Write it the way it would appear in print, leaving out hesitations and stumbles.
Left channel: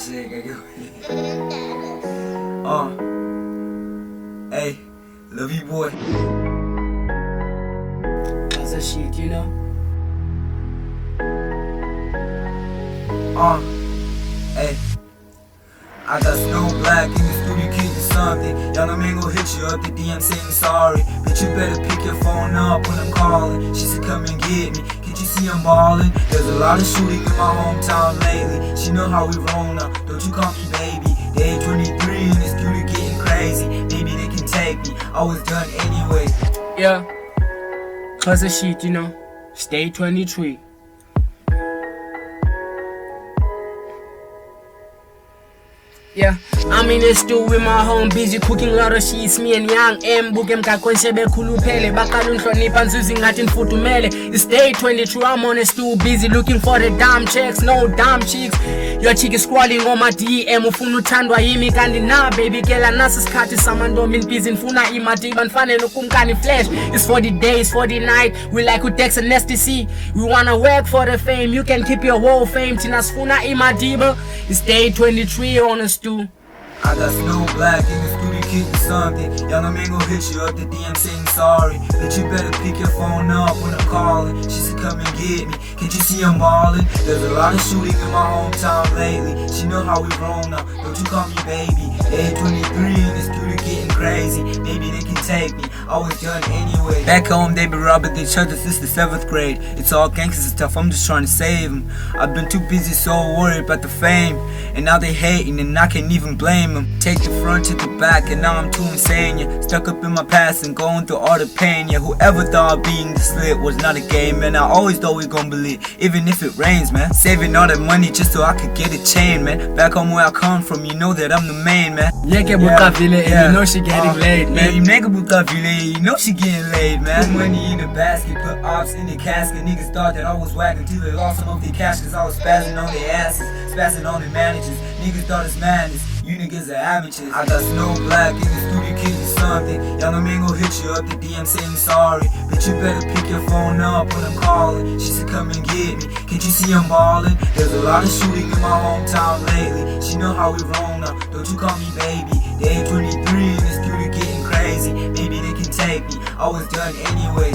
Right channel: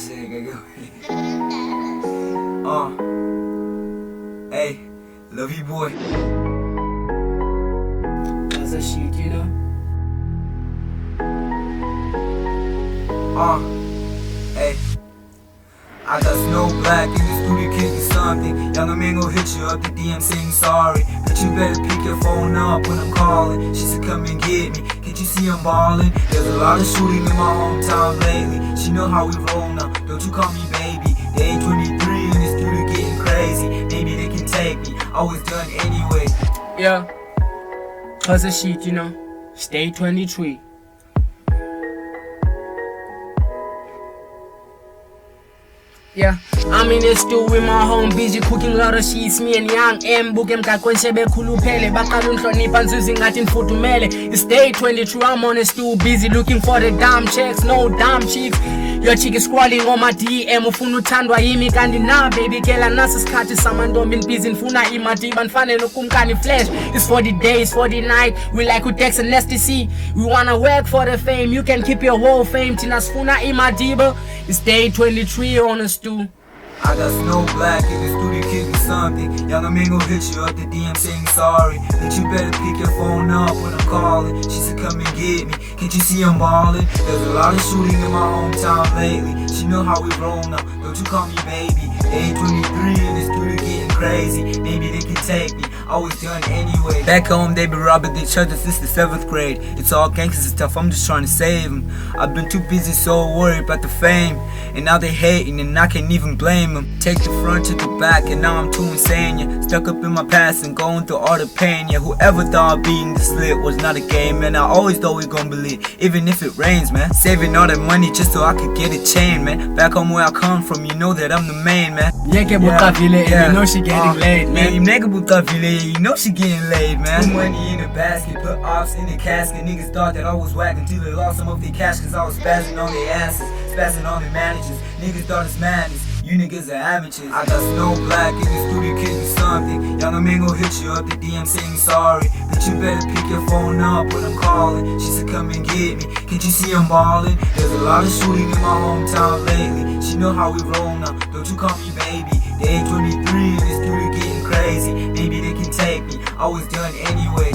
Hey, love you, boy. That's a shit, you know. Hey, I got SNOWBLAQ in the studio kicking something. Young man gon' hit you up the DM saying sorry, but you better pick your phone up when I'm calling. She said come and get me, can't you see I'm ballin'? There's a lot of shooting in my hometown lately. She know how we roll now, don't you call me baby. They 23 in the studio getting crazy. Maybe they can take me, I was done anyway. Yeah, cause of shit, you know. Stay 23. Yeah, I'm in the stew with my home, busy cooking a lot of sheets. Me and young M bukem kakwense bekhuluphele bakhala unhlonipha nzuzi ngathi nifudumele. It's day 22, I'm on the stew, busy looking for the damn chicks, no damn chicks. Your chick is scrolling on my DM, ufuna uthandwa yimi kanti na baby girl anasi isikhathi samantombi busy nifuna imali banifanele ukumkani flash. It's 40 days, 40 night, we like udex and STC. We wanna work for the fame, you can keep your whole fame. Tina sifuna imali, it's day 23 on the stew. I got SNOWBLAQ in the studio kicking something. Young man gon' hit you up the DM saying sorry, but you better pick your phone up when I'm calling. She said come and get me, can't you see I'm ballin'? There's a lot of shooting in my hometown lately. She know how we roll now, don't you call me baby. They 23 in the studio getting crazy. Maybe they can take me, I was done anyway. Back home they be robbing each other since the 7th grade. It's all gangsters and stuff, I'm just trying to save them. I've been too busy so worried about the fame, and now they hating and I can't even blame them. Take the front to the back and now I'm too insane, yeah. Stuck up in my past and going through all the pain, yeah. Whoever thought being this lit was not a game, man. I always thought we gon' believe, even if it rains, man. Saving all that money just so I could get a chain, man. Back home where I come from, you know that I'm the main, man. Yeah, you know she getting laid, man. You know she getting laid, man. Put money in the basket, put ops in the casket. Niggas thought that I was whack until they lost some of their cash, cause I was spazzing on their asses, spazzing on their managers. Niggas thought it's madness, you niggas are amateurs. I got SNOWBLAQ in the studio kicking something. Young man gon' hit you up the DM saying sorry, but you better pick your phone up when I'm calling. She said come and get me, can't you see I'm ballin'? There's a lot of shooting in my hometown lately. She know how we roll now, don't you call me baby. They 23 in the studio getting crazy. Maybe they can take me, I was done anyway.